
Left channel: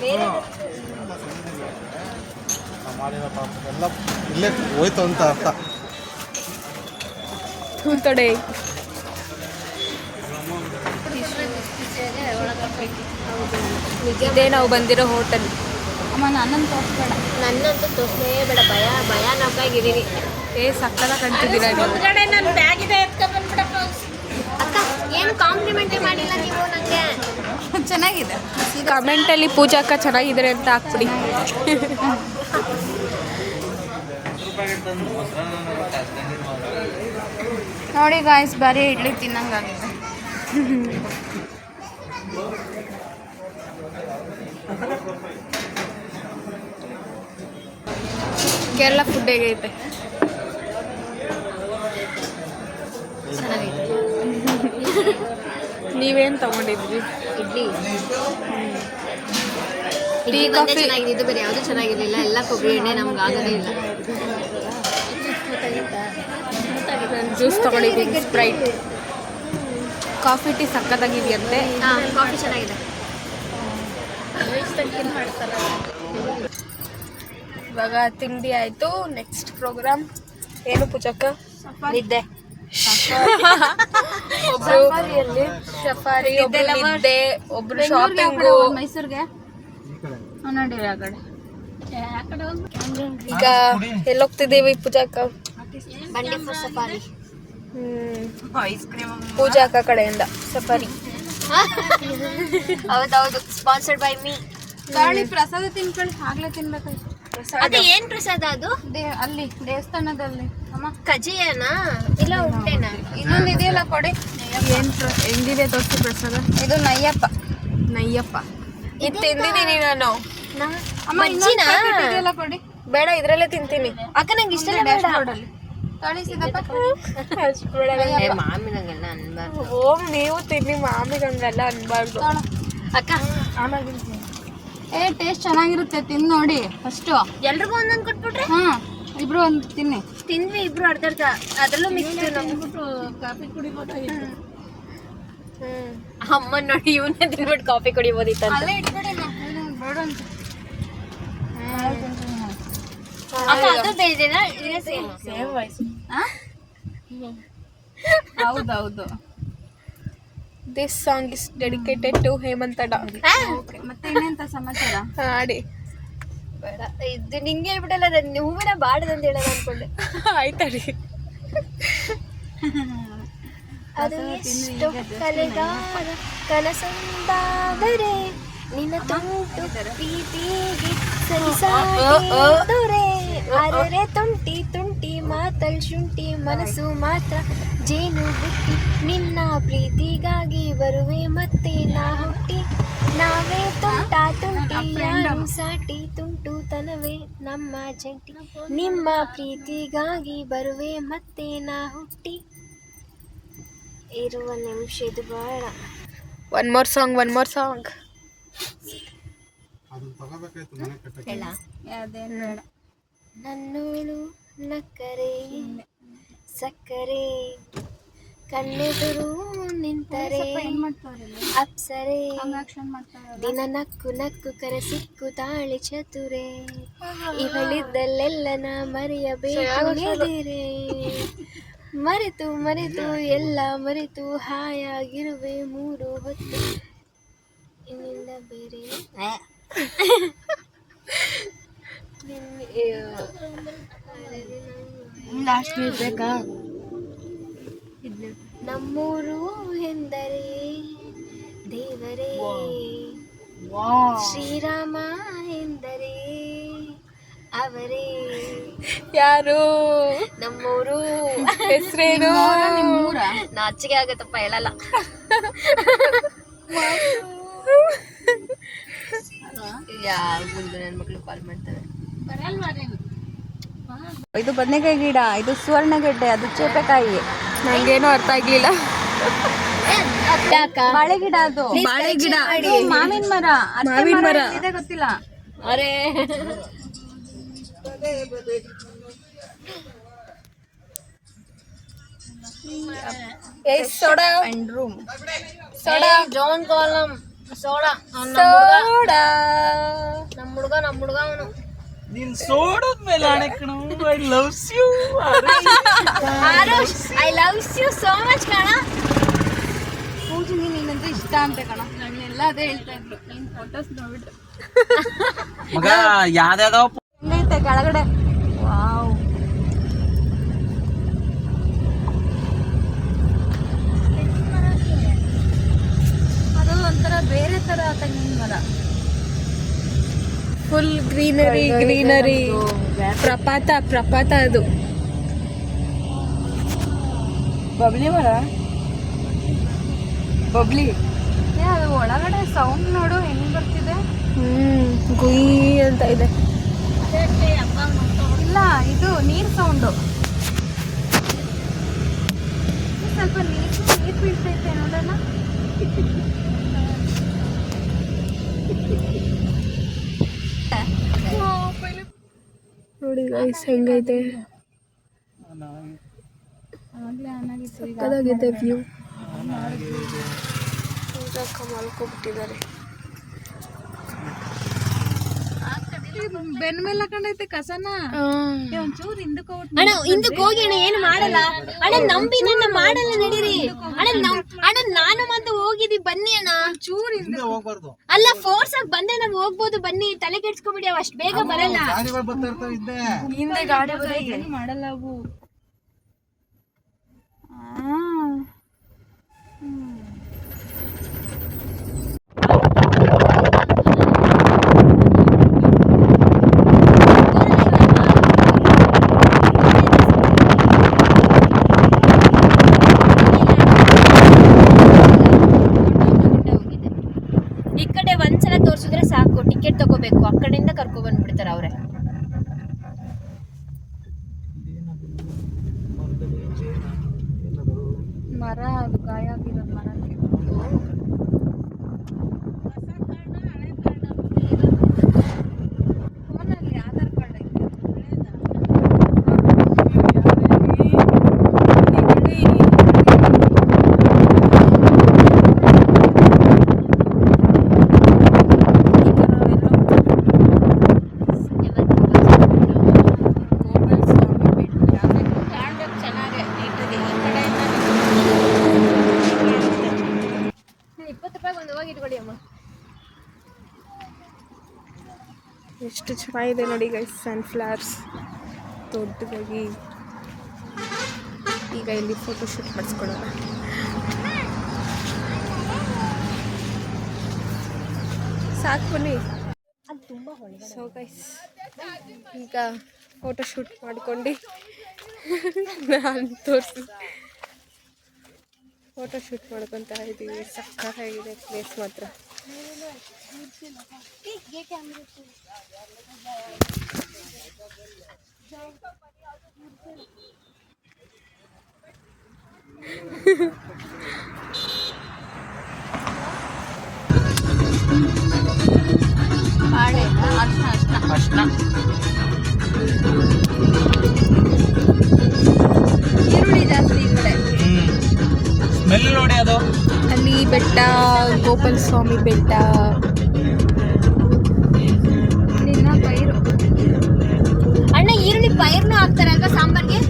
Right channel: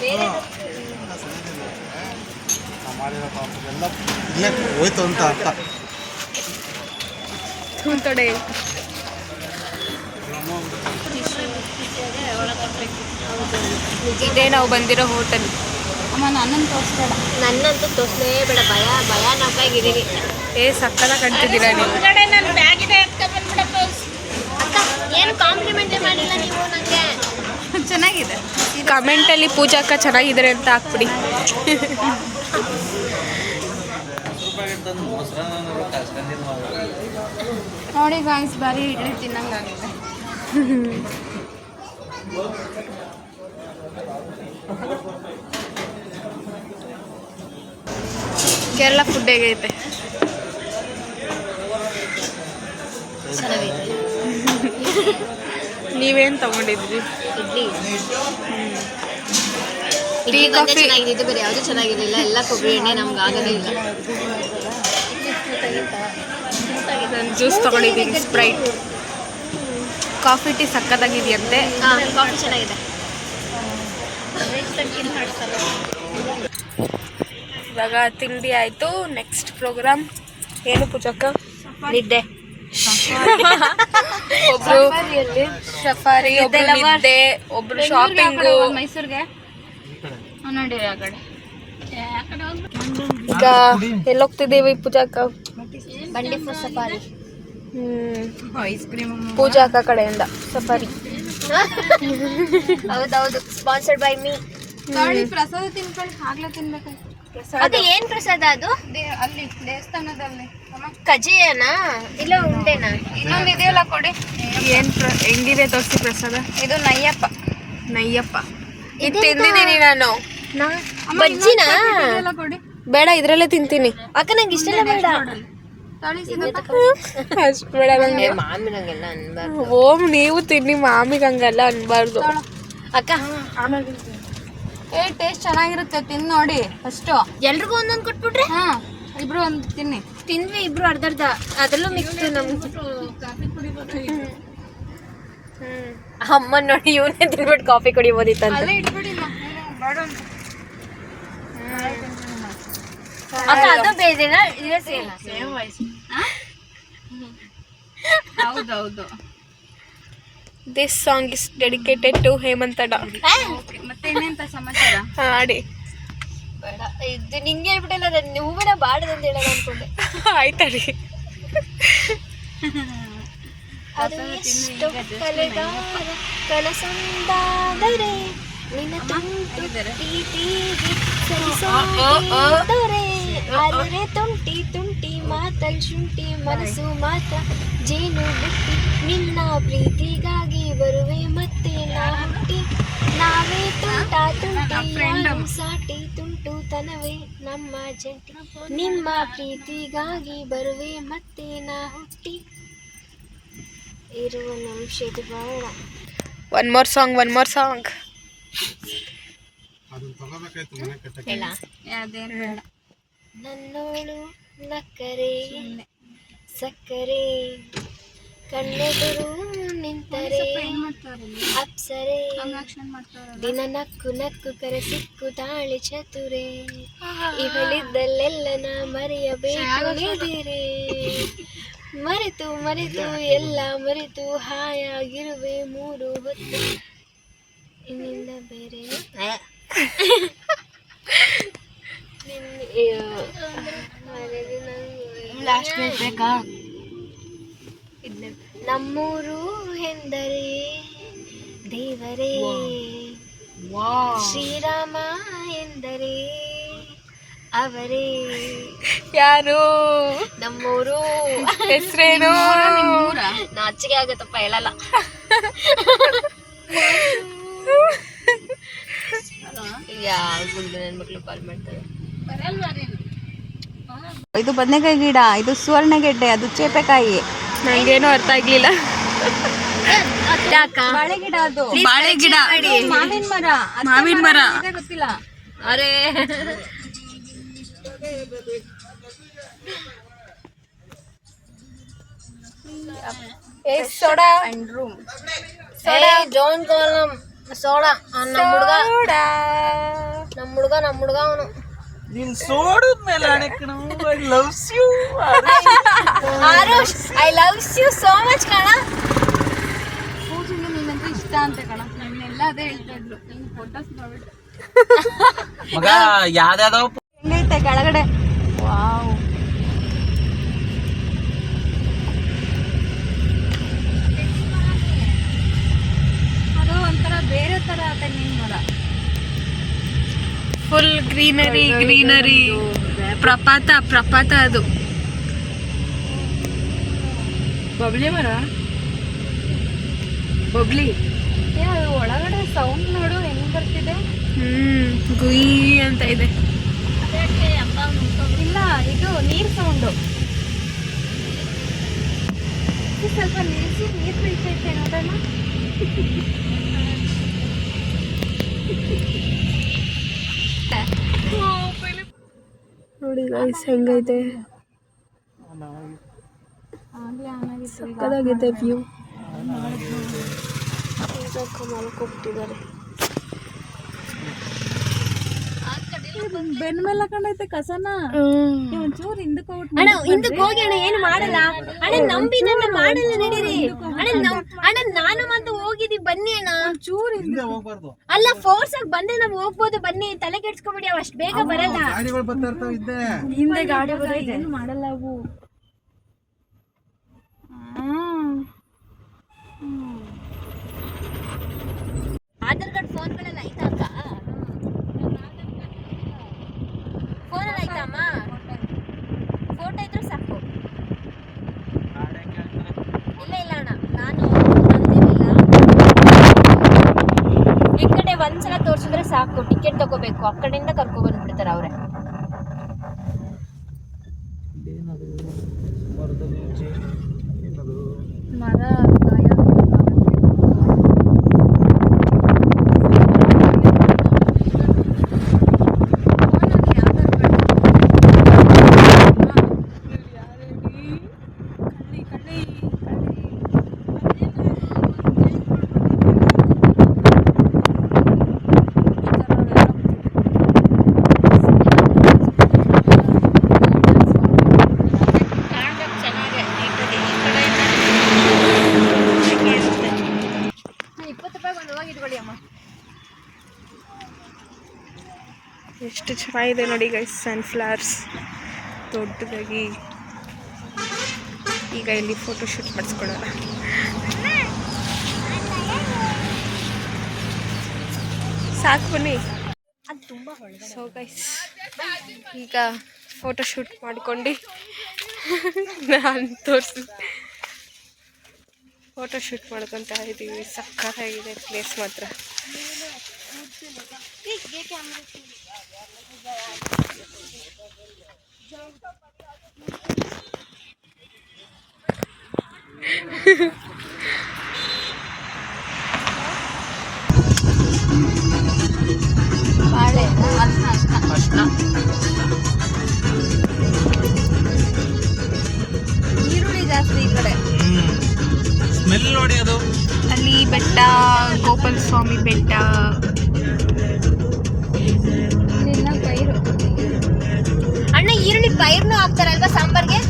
ಬೇರೆ ನಾವು ಮಾಡಿರೋ ಪಾಪದೆಲ್ಲ ಇಲ್ಲೇ ಹೋಯ್ತು ಅಂತ ಅರ್ಥ. ಕಡೆ ಇದೇ ನಾವು ಬಂದಿರೋ ಹೋಟೆಲ್. ಅಮ್ಮ ನನ್ನನ್ನು ತೋರಿಸ್ಬೇಡ. ನನ್ನಂತೂ ತೋರಿಸಲೇ ಬೇಡ, ಭಯಾನಕ್ಕಾಗಿದ್ದೀನಿ. ಸಕ್ಕದ ಕಟ್ತಿದ್ದೀರಾ ನೀವು. ಏನು ಕಾಂಪ್ಲಿಮೆಂಟೇ ಮಾಡಿಲ್ಲ ನೀವು ನನಗೆ. ಚೆನ್ನಾಗಿದೆ. ಕಮೆಂಟಲ್ಲಿ ಪೂಜಾ ಅಕ್ಕ ಚೆನ್ನಾಗಿದ್ದಾರೆ ಅಂತ ಹಾಕ್ಬಿಡಿ. ನೋಡಿ ಗಾಯ್ಸ್, ಬರೀ ಇಡ್ಲಿ ತಿನ್ನಂಗಾಗುತ್ತೆ. ಕೇರಳ ಫುಡ್ ಹೇಗೈತೆ? ಚೆನ್ನಾಗೈತೆ. ನೀವೇನು ತಗೊಂಡಿದ್ರಿ? ಇಡ್ಲಿ ಟೀ ಒಂದೇ ಕಾಫಿ ಚೆನ್ನಾಗಿದ್ದು, ಬೇರೆ ಯಾವುದು ಚೆನ್ನಾಗಿರಲಿಲ್ಲ. ಎಲ್ಲ ಕೊಬ್ಬರಿ ಎಣ್ಣೆ ನಮ್ಗೆ ಆಗೋದೇ ಇಲ್ಲ. ನಾನು ಜ್ಯೂಸ್ ತಗೊಂಡಿದ್ದೀನಿ, ಸ್ಪ್ರೈಟ್. Coffee tea ಸಕ್ಕತ್ತಾಗಿದೆಯಂತೆ. ಹಾಂ, ಕಾಫಿ ಚೆನ್ನಾಗಿದೆ. ಇವಾಗ ತಿಂಡಿ ಆಯಿತು. ನೆಕ್ಸ್ಟ್ ಪ್ರೋಗ್ರಾಮ್ ಏನು ಪೂಜಕ್ಕ? ನಿದ್ದೆ. ಒಬ್ರು ಸಫಾರಿ, ಒಬ್ರು ನಿದ್ದೆ, ಒಬ್ರು ಶಾಪಿಂಗು. ಮೈಸೂರಿಗೆ ನೋಡಿ ಆ ಕಡೆ. ಈಗ ಎಲ್ಲೋಗ್ತಿದ್ದೀವಿ ಪೂಜಾಕ್ಕ? ಬಂಡಿ ಫಾರ್ ಸಫಾರಿ. ಪೂಜಾ ಅಕ್ಕ ಕಡೆಯಿಂದ ಸಫಾರಿ. ಹೌದೌದು, ಸ್ಪಾನ್ಸರ್ಡ್ ಬೈ ಮೀ. ಗಾಳಿ ಪ್ರಸಾದ ತಿನ್ಕೊಳ್ಳಿ, ಆಗ್ಲೇ ತಿನ್ಬೇಕು. ಅದು ಏನ್ ಪ್ರಸಾದ ಅದು? ಅಲ್ಲಿ ದೇವಸ್ಥಾನದಲ್ಲಿ ಅಮ್ಮ. ಕಜ್ಜಿಯನಾ ಇಲ್ಲ ಉಂಡೆನಾ? ಇನ್ನೊಂದು ಇದೆಯಲ್ಲ ಕೊಡಿ. ಏನ್ ಹೆಂಗಿದೆ ತೋರಿಸಿ ಪ್ರಸಾದ? ಇದು ನಯ್ಯಪ್ಪ. ನಯ್ಯಪ್ಪ ಇದು ತಿಂದಿದ್ದೀನಿ ನಾನು. ಬಜ್ಜಿನಾ? ಇದೆಯಲ್ಲ ಕೊಡಿ. ಬೇಡ, ಇದ್ರಲ್ಲೇ ತಿಂತೀನಿ. ಅಕ್ಕ ನಂಗೆ ಇಷ್ಟ ಬೇಡ. ಅಷ್ಟು ಬೇಡ ನಂಗೆ. ಮಾಮಿ ನಂಗೆಲ್ಲ ಅನ್ಬಾರ್ದು. ಓಮ್ ನೀವು ತಿನ್ನಿ, ಮಾಮಿಗೆ ಹಂಗೆಲ್ಲ ಅನ್ಬಾರ್ದು. ಅಕ್ಕ ಟೇಸ್ಟ್ ಚೆನ್ನಾಗಿರುತ್ತೆ, ತಿನ್ ನೋಡಿ ಫಸ್ಟು. ಎಲ್ರಿಗೂ ಒಂದೊಂದು ಕೊಟ್ಬಿಟ್ರೆ? ಹಾ, ಇಬ್ರು ಒಂದು ತಿನ್ನಿ. ತಿಂದ್ವಿ ಇಬ್ರು ಅರ್ಧ ಅದ್ರಲ್ಲೂ ಮಿಕ್ಸ್. ಅಮ್ಮ ನೋಡಿ, ಇವನೇ ತಿನ್ಬಿಟ್ಟು ಕಾಫಿ ಕುಡಿಬೋದಿತ್ತಂತ. ಅಕ್ಕ ಅದು ಬೇರೆನಾ? ಇದೇ ಸೇಮ್. ಹೌದೌದು. This song is dedicated to ಹೇಮಂತಡ. ಮತ್ತೆ ಇನ್ನೆಂತ ಸಮಾಚಾರ? ಹಾಡಿ. ಬೇಡ, ಇದು ನಿಂಗೆ ಹೇಳ್ಬಿಟ್ಟಲ್ಲ, ಹೂವಿನ ಬಾಡದಂತ ಹೇಳೋಣ ಅನ್ಕೊಂಡೆ. ಆಯ್ತಡಿ. ಅದು ಎಷ್ಟು ಕಲೆಗಾರ ಕನಸೊಂದಾದರೆ ನಿನ್ನ ತುಂಟು ಪ್ರೀತಿಗೆ ಸರಿಸಾಗಿದರೆ. ಅರೆ ತುಂಟಿ ತುಂಟಿ ಮಾತಲ್ ಶುಂಠಿ ಮನಸ್ಸು ಮಾತ್ರ ಜೇನು ಬುಟ್ಟಿ. ನಿನ್ನ ಪ್ರೀತಿಗಾಗಿ ಬರುವೆ ಮತ್ತೆ ನಾ ಹುಟ್ಟಿ. ನಾವೇ ತುಂಟ ತುಂಟಿ ಯಾರು ಸಾಟಿ, ತುಂಟು ತನವೇ ನಮ್ಮ ಜಂಟಿ. ನಿಮ್ಮ ಪ್ರೀತಿಗಾಗಿ ಬರುವೆ ಮತ್ತೆ ನಾ ಹುಟ್ಟಿ. ಇರುವ ನಿಮಿಷ ಇದು ಬೇಡ. One more song. ಅದನ್ನ ತಗೋಬೇಕಾಯ್ತು ಮನೆ ಕಟ್ಟಕ್ಕೆ. ಅದೇನು ಬೇಡ. ನನ್ನೋಳು ನಕ್ಕರೆ ಸಕ್ಕರೆ, ಕಣ್ಣೆದುರು ನಿಂತರೆ ಅಪ್ಸರೆ. ದಿನ ನಕ್ಕು ನಕ್ಕು ಕರೆ ಸಿಕ್ಕು ತಾಳಿ ಚತುರೆ. ಇವಳಿದ್ದಲ್ಲೆಲ್ಲ ನಾ ಮರೆಯಬೇಕು ನಿದಿರೆ. ಮರೆತು ಮರೆತು ಎಲ್ಲ ಮರೆತು ಹಾಯಾಗಿರುವೆ ಮೂರು ಹೊತ್ತು. ಇನ್ನಿಂದ ಬೇರೆ ಲಾಸ್ಟ್ ಮಿನಿಟ್ ಬೇಕಾ? ನಮ್ಮೂರು ಎಂದರೆ ದೇವರೇ, ಶ್ರೀರಾಮ ಎಂದರೆ ಅವರೇ. ಯಾರು? ನಮ್ಮೂರು ಹೆಸರೇನು? ನಾಚಿಕೆ ಆಗತ್ತಪ್ಪ, ಹೇಳಲ್ಲ. ಯಾವ ಗುಂಡು ನನ್ನ ಮಕ್ಳು ಕಾಲ್ ಮಾಡ್ತಾರೆ. ಇದು ಬದನೆಕಾಯಿ ಗಿಡ, ಇದು ಸುವರ್ಣಗೆಡ್ಡೆ, ಅದು ಚೇಪೆಕಾಯಿ. ನಂಗೇನು ಅರ್ಥ ಆಗ್ಲಿಲ್ಲ. ಬಾಳೆ ಗಿಡ, ಅದು ಬಾಳೆ ಗಿಡ, ಮಾವಿನ ಮರ. ಮಾವಿನ ಮರ ಗೊತ್ತಿಲ್ಲ. ಅರೆ ಸೋಡಾ ಅಂಡ್ ರೂಮ್. ಜಾನ್ ಕಾಲಮ್ ಸೋಡಾ. ನಮ್ಮ ಹುಡುಗ ಅವನು. ನೀನ್ ಸೋಡದ್ಮೇಲೆ ಆಣೆ ಕಣ I loves you Aarush I loves you so much ಕಣ. ಪೂಜೆಗೆ ನೀನಂದ್ರೆ ಇಷ್ಟ ಅಂತ ಕಣ, ನನ್ನೆಲ್ಲ ಅದೇ ಹೇಳ್ತಾ ಇದ್ರು. ನಿನ್ ಫೋಟೋಸ್ ನೋಡ್ಬಿಟ್ರೆ ಮಗ ಯಾವ್ದಾವ್ದೋ ಹೆಂಗೈತೆ ಕೆಳಗಡೆ. ವಾವ್, ಅದು ಒಂಥರ ಬೇರೆ ತರ ತೆಂಗಿನ ಮರ. ಫುಲ್ ಗ್ರೀನರಿ ಪ್ರಪಾತ ಅದು. ಬಬ್ಲಿ ಮರ, ಬಬ್ಲಿ. ಅದು ಒಳಗಡೆ ಸೌಂಡ್ ನೋಡು ಹೆಂಗ್ ಬರ್ತಿದೆ. ಗುಯ್ ಅಂತ ಇದೆ. ಇಲ್ಲ, ಇದು ನೀರ್ ಸೌಂಡು. ಸ್ವಲ್ಪ ನೀರ್ ಬೀಳ್ತೈತೆ ನೋಡೋಣ. ನೋಡಿ ಗೈಸ್ ಹೆಂಗೈತೆ, ಸಕ್ಕದಾಗಿದೆ ವ್ಯೂ. ಈಗ ಮಲ್ಕೊಬಿಟ್ಟಿದ್ದಾರೆ. ಬೆನ್ ಮೇಲೆ ಹಾಕೊಂಡೈತೆ ಕಸನ. ಒಂಚೂರು ಹಿಂದಕ್ಕೆ ಅಣ್ಣ ಹಿಂದಕ್ಕೆ ಹೋಗಿ ಅಣ್ಣ ಏನು ಮಾಡಲ್ಲ ಅಣ್ಣ, ನಂಬಿ ನನ್ನ ಮಾಡಲ್ಲ ನಡೀರಿ ಅಣ್ಣ. ನಾನು ಮತ್ತೆ ಹೋಗಿದ್ವಿ ಬನ್ನಿ ಅಣ್ಣ. ಚೂರು ಹಿಂದೆ ಹೋಗ್ಬಾರ್ದು. ಅಲ್ಲ ಫೋರ್ಸ್ ಆಗಿ ಬಂದ್ರೆ ನಾವು ಹೋಗ್ಬೋದು, ಬನ್ನಿ. ತಲೆ ಕೆಡ್ಸ್ಕೊಬಿಡಿ, ಅವ್ ಅಷ್ಟು ಬೇಗ ಬರಲ್ಲ. ಗಾಡಿಗಳು ಬರ್ತಾ ಇರ್ತಾವ ಹಿಂದೆ. ಹಿಂದೆ ಗಾಡಿ ಏನು ಮಾಡಲ್ಲ ಅವು. ಈ ಕಡೆ ಒಂದ್ಸಲ ತೋರ್ಸಿದ್ರೆ ಸಾಕು, ಟಿಕೆಟ್ ತಗೋಬೇಕು. ಆ ಕಡೆಯಿಂದ ಕರ್ಕೊ ಬಂದ್ಬಿಡ್ತಾರ ಅವ್ರೆ. ಮರ ಗಾಯ ಎಷ್ಟು ಚೆನ್ನಾಗಿದೆ ನೋಡಿ ಗೈಸ್, ಸನ್ಫ್ಲವರ್ಸ್ ದೊಡ್ಡದಾಗಿ. ಈಗ ಇಲ್ಲಿ ಫೋಟೋಶೂಟ್ ಮಾಡಿಸ್ಕೊಳ್ಳೋಣ. ಸಾಕು ಬನ್ನಿ. ಸೊ ಗೈಸ್ ಈಗ ಫೋಟೋಶೂಟ್ ಮಾಡ್ಕೊಂಡು ನಾನು ತೋರಿಸಿ ಫೋಟೋಶೂಟ್ ಮಾಡ್ಕೊತಾ ಇದ್ದೀವಿ. ಸಕ್ಕತ್ತಾಗಿದೆ ಪ್ಲೇಸ್ ಮಾತ್ರ. ಈರುಳ್ಳಿ ಜಾಸ್ತಿ ಈ ಕಡೆ. ಸ್ಮೆಲ್ ನೋಡಿ ಅದು. ಅಲ್ಲಿ ಬೆಟ್ಟ, ಗೋಪಾಲ ಸ್ವಾಮಿ ಬೆಟ್ಟ. ನಿನ್ನ ಪೈರು ಅಣ್ಣ ಈರುಳ್ಳಿ ಪೈರ್ನು ಹಾಕ್ತಾರಲ್ವಾ ಸಾಂಬಾರ್ಗೆ?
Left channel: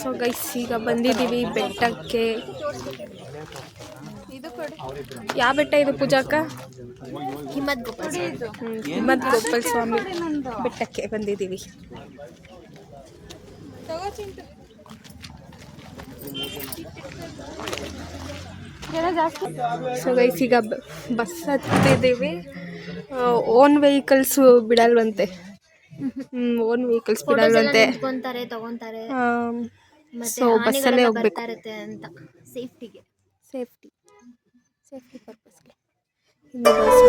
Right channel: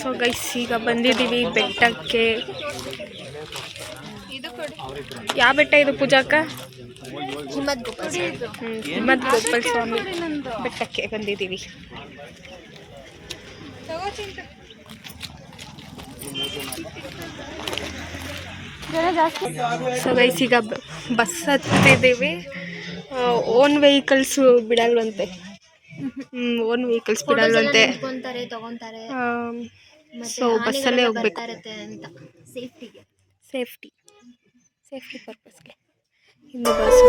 ಸೊ ಗೈಸ್ ಈಗ ಬಂದಿದ್ದೀವಿ ಬೆಟ್ಟಕ್ಕೆ. ಯಾವ ಬೆಟ್ಟ ಇದು ಪೂಜಾಕ್ಕ? ಹಿಮ್ಮತ್ ಗೋಪಾಲ್ ಹಿಮ್ಮತ್ ಗೋಪಾಲ ಸ್ವಾಮಿ ಬೆಟ್ಟಕ್ಕೆ ಬಂದಿದ್ದೀವಿ. ಸೊ ಗೈಸ್ ಈಗ ಬಸ್ ಹತ್ತಿದ್ದೀವಿ. ಓನ್ ವೆಹಿಕಲ್ಸ್ ಬಿಡಲ್ವಂತೆ. ಓನ್ ವೆಹಿಕಲ್ಸ್ ಬಿಡಲ್ವಂತೆ. ತಗೊಂತಾರೆ ಸೊ ಬಸ್ಸಲ್ಲೇ ಹೋಗ್ಬೇಕು. ಅಂತ ಸೇಫ್ಟಿಗೆ, ಸೇಫ್ಟಿ ಪರ್ಪಸ್ಗೆ. ಇನ್ನು ಬಸ್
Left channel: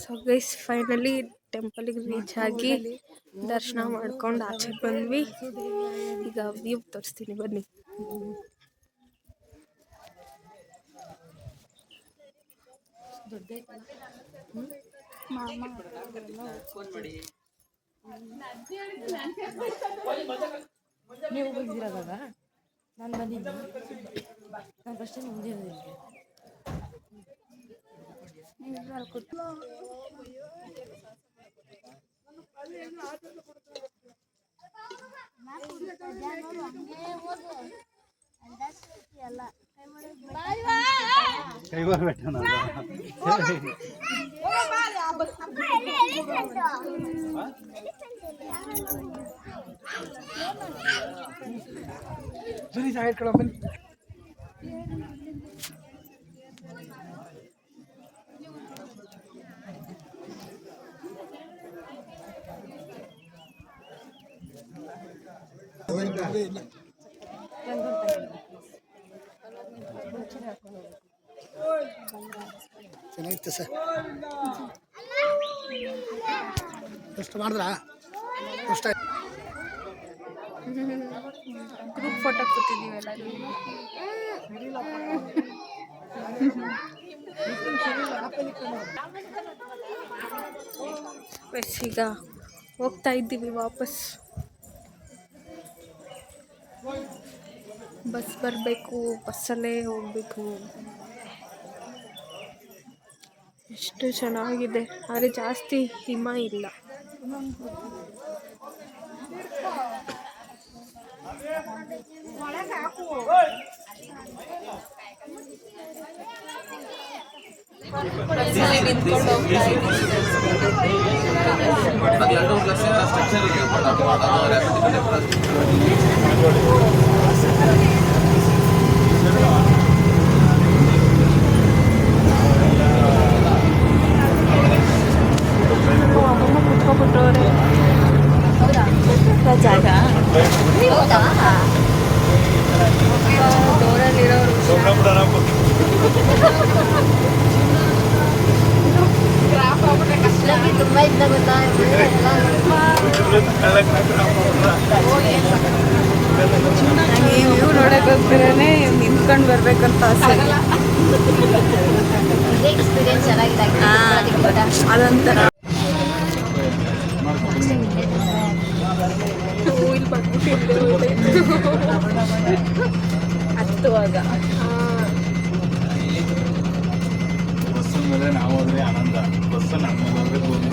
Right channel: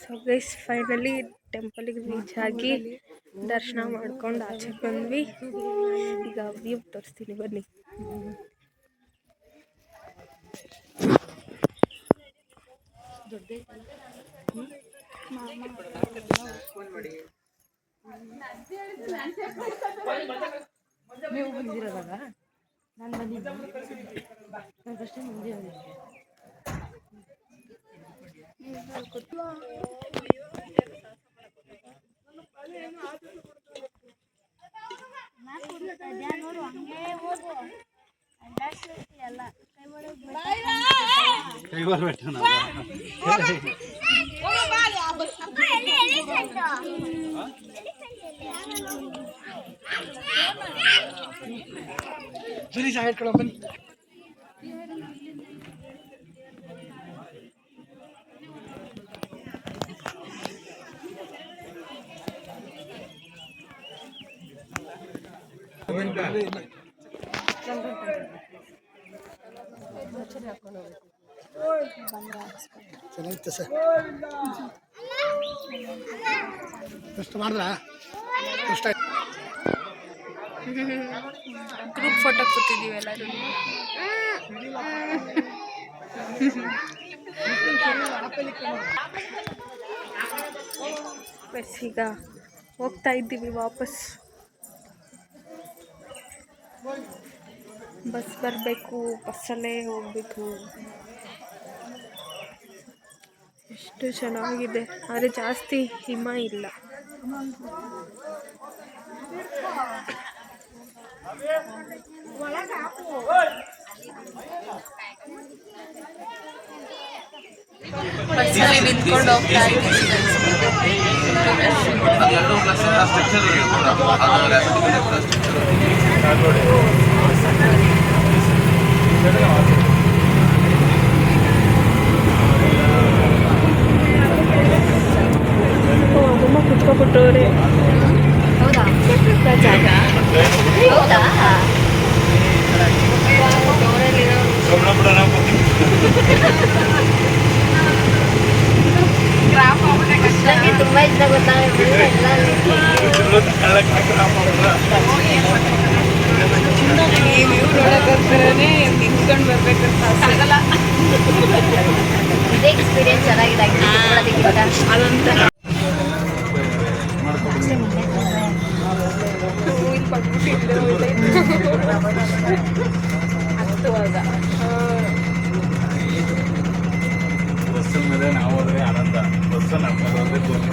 ಸೊ ಗೈಸ್ ಫೈನಲಿ ಟೆಂಪಲಿಗೆ ರೀಚ್ ಆಗಿ ದರ್ಶನ ಮಾಡ್ಕೊಂಡು ಆಚೆ ಬಂದ್ವಿ. ಈಗ ವ್ಯೂ ತೋರಿಸ್ತೀನಿ ಬನ್ನಿ. ಚೆನ್ನಾಗಿತ್ತು ಸರ್. ಎಷ್ಟು ಮಾಡಿದ್ರಾ? ಎಷ್ಟು ಗ್ರೂಪ್ ಫೋಟೋ ಕೂತಿದ್ದೀವಿ ಎಲ್ಲರೂ. ಬಸ್ ಈಗ ಹೋಗ್ತಾ ಇದ್ದೀವಿ ವಾಪಸ್. ಬಸ್ ಬರಬೇಕು, ಬಸ್ಸಲ್ಲೇ ಹೋಗಬೇಕು. ಎಷ್ಟು ಚೆನ್ನಾಗಿದೆ, ಆದರೆ ಜಾಸ್ತಿ ಹಿಮ ಇಲ್ಲ. ಬಸ್ಸಲ್ಲಿ ನಿಂತ್ಕೊಂಡು ಹೋಗ್ತಾ ಇದ್ದೀವಿ. ಅಮ್ಮಮ್ಮ ಕುತ್ಕೊಬಿಟ್ಟವ್ರೆ. ಹೌದಾ? ಜಾಗ ಹೌದಾ? ನನಗೆ ತುಂಬ ಇಷ್ಟ ಗೊತ್ತಾ ನೋಡೋಕ್ಕೋಸ್ಕರನೇ ನಿಂತ್ಕೊಂಡು ಬರ್ಬೇಕಂತ ಆಗಲ್ಲ. ಇದೇ ಎಕ್ಸ್ಪೀರಿಯನ್ಸ್ ಚೆನ್ನಾಗಿದೆ ಅದೊಂಥರ ಇಲ್ಲಿ ಬಂದ್ಬಿಟ್ಟಿದ್ದೆ ಹತ್ತುವಾಗ. ಬಸ್ಸಿನ ಮೇಲೆ ನಾವು ಹೋದ್ರೆ ಆನಂದ, ಬಸ್ ನಮ್ಮಲ್ಲಿ ಹೋದ್ರೆ ಭೂಮಿ.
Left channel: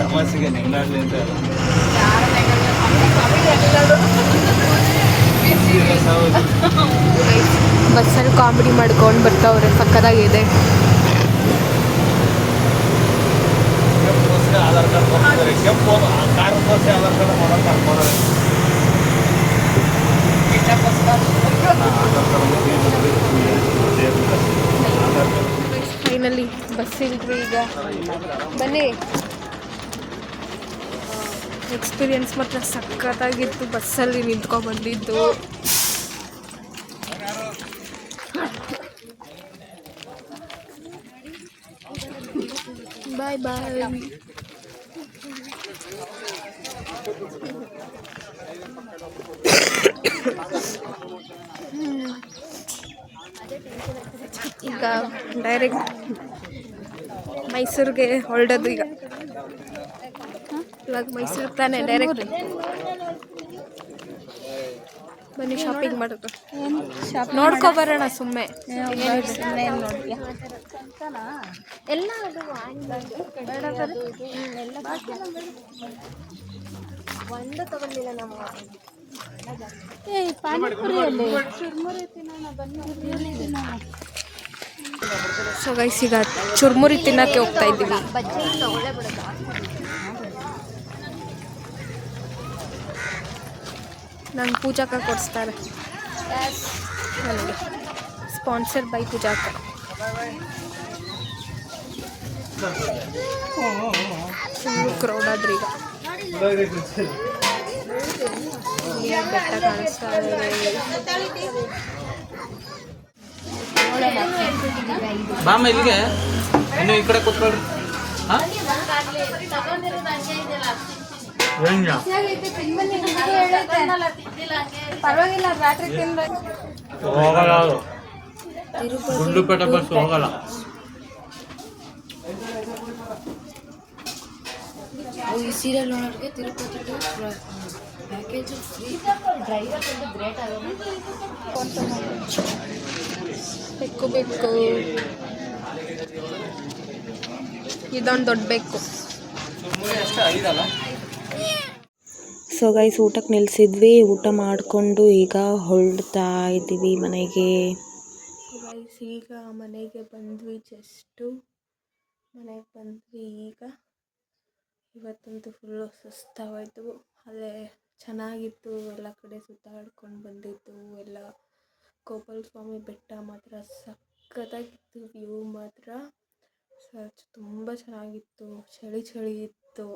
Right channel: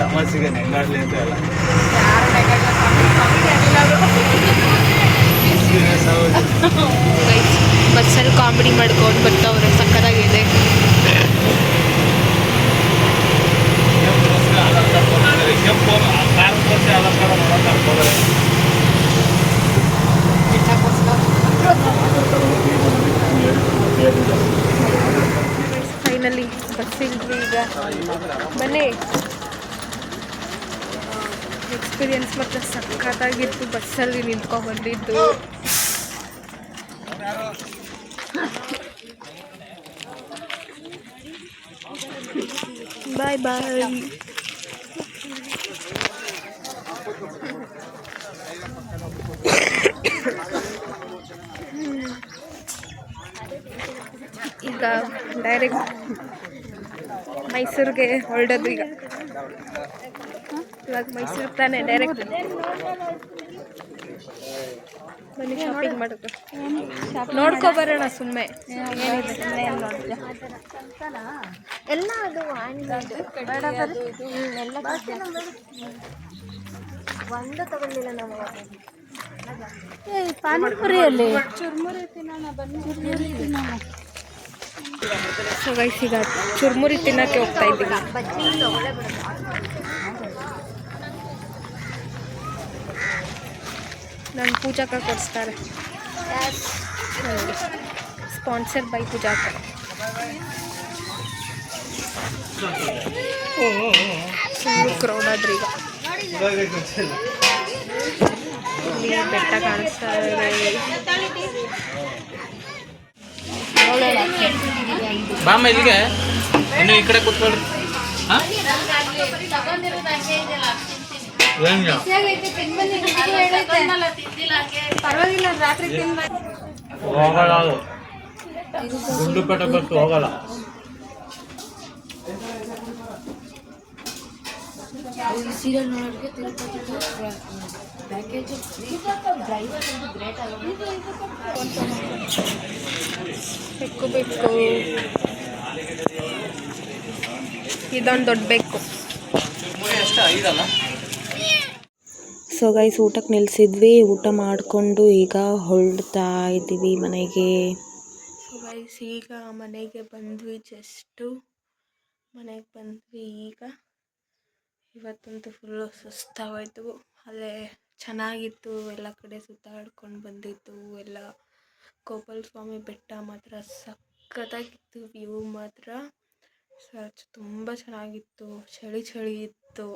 ತಮಾಷೆಗೆ ನೆಂಗಾಡ್ಲಿ ಅಂತ ಅಲ್ಲ, ಬಸ್ಸಲ್ಲಿ ಕಾಮಿಡಿ ಮಾಡ್ಕೊಂಡು ಬರ್ತಾವ್ರೆ, ಸಕ್ಕತ್ತಾಗಿದೆ. ಫೈನಲಿ ಬಸ್ ಇಲ್ರಿ ಈಗ. ಬನ್ನಿ. ಎಕ್ಸ್ಪೀರಿಯನ್ಸ್ ಮಾತ್ರ ಸಕ್ಕತ್ತಾಗಿತ್ತು ಬಸ್ಸಲ್ಲಿ ನಿಂತ್ಕೊಂಡು ಬಂದಿದ್ದು. ಬಾಯ್ ಬಾಯ್. ಈಗ ಡೈರೆಕ್ಟ್ ಮೈಸೂರಿಗೆ ಹೊರಡೋದು. ಈಗ ಇವಾಗ ಮೈಸೂರಿಗೆ ತಾನೇ ಡೈರೆಕ್ಟ್. ಬನ್ನಿ ಶಾಪಿಂಗ್ ಮಾಡೋದು, ನೋಡ್ಕೊಬರೋಣ ಸುಮ್ಮನೆ. ಎಲ್ಲ ಅದು ಬೇಡ ಬರೀ ಒಂದು ತಗೊಂಡಿಲ್ಲ ನಾವು. ಪಾನಿಪುರಿಯಲ್ಲಿ ಸೊ ಗೈಸ್ ಈಗ ಚುರ್ಮುರಿ ತಿನ್ನೋಕ್ಕೆ ಹೋಗ್ತಾ ಇದ್ದೀವಿ. ನಂಗೆ ಪೂಜಾಕ ಕೊಡಿಸ್ತಾರೆ ನನಗೆ. ಸ್ಪಾನ್ಸರ್ ಬೈ ಪೂಜಾಕ. ಫುಲ್ಲು ಕ್ರೌಡ್ ಆದ್ರಿ ಈಗ. ಅಲ್ಲಿ ಬೆಟ್ಟ ಕಾಣಿಸ್ತಾ ಇದೆ. ಬಾಮ್ಮ ಇಲ್ಲಿಗೆ, ಇನ್ನು ಈ ಕಡೆ ಕೂತ್ಕೊಳ್ರಿ. ಹಾ? ಏನಿಲ್ಲ. ಪರವಾಗಿಲ್ಲ, ರಾತ್ರಿ ತಿಂದ ಹೋಗಲ್ಲ ಅದು. ಗುಂಡ್ಲುಪೇಟೆ ಬಸ್ ಹೋಗಲ್ಲ. ಈ ಸೀರಿಯಲ್ ನೋಡೋರಿಗೆ ತಿರುಪತಿಗೆ ಪ್ಯಾಕೇಜ್ ಫ್ರೀ. ಡ್ರೈವರ್ ಒಂದು ಗ್ರೇಟ್ ಆಗೋದು. ಬೆಕ್ಕು ಇದೊಂದು ದೊಡ್ಡ ಬೆಕ್ಕು. ಸೊ ಗೈಸ್, ಊಟಕ್ಕೆ ನಿಲ್ಲಿಸಿದ್ವಿ. ಊಟ ಮಾಡಿಕೊಂಡು ಈಗ ಹೊರಡ್ತಾ ಇದ್ದೀವಿ ಮನೆಗೆ. ಸೊ ಗೈಸ್, ಈಗ ಮನೆಗೆ ಬಂದ್ವಿ. ಜಸ್ಟು ಮನೆಗೆ ಬಂದ್ವಿ ಈಗ. ಇವತ್ತಂತೂ ಫುಲ್ಲು ಸುಸ್ತಾಗೋಯ್ತು. ಅಲ್ಲೇ ಚೆನ್ನಾಗಿತ್ತು, ಎಲ್ಲ ಕಡೆ ಸುತ್ತಾಡ್ಕೊಂಡು ಬಂದಿತ್ತು ಎಲ್ಲ. ಗೋಪಾಲ ಸ್ವಾಮಿ ಬೆಟ್ಟ ಮಾತ್ರ ಸಖತ್ತಾಗಿತ್ತು. ವ್ಯೂ ಮಾತ್ರ ತುಂಬ ಚೆನ್ನಾಗಿತ್ತು. ಚಳಿ ಇತ್ತು,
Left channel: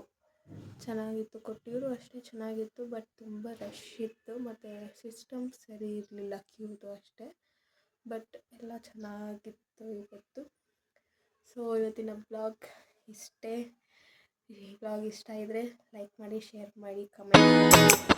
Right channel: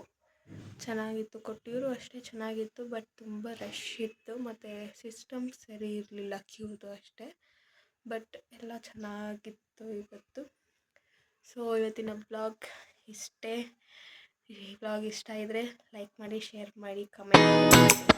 ಚೆನ್ನಾಗಿತ್ತು. ಕೊಟ್ಟಿದ್ರು ಅಷ್ಟೇ ಚೆನ್ನಾಗಿತ್ತು, ಬಟ್ ತುಂಬ ರಶ್ ಇತ್ತು. ಮತ್ತು ಸಿಸ್ಟಮ್ ಸರಿ ಇರಲಿಲ್ಲ, ಕ್ಯೂದು ಅಷ್ಟೇ. ಬಟ್ ಎಲ್ಲ ಚೆನ್ನಾಗಿತ್ತು ಇವತ್ತು. ಸೊ ಇವತ್ತಿನ ಬ್ಲಾಗ್ ಇಷ್ಟೇ. ಈ ಬ್ಲಾಗ್ ಇಷ್ಟ ಇದ್ದರೆ ಲೈಕ್ ಮಾಡಿ, ಶೇರ್ ಮಾಡಿ, ಕಮೆಂಟ್ ಮಾಡಿ.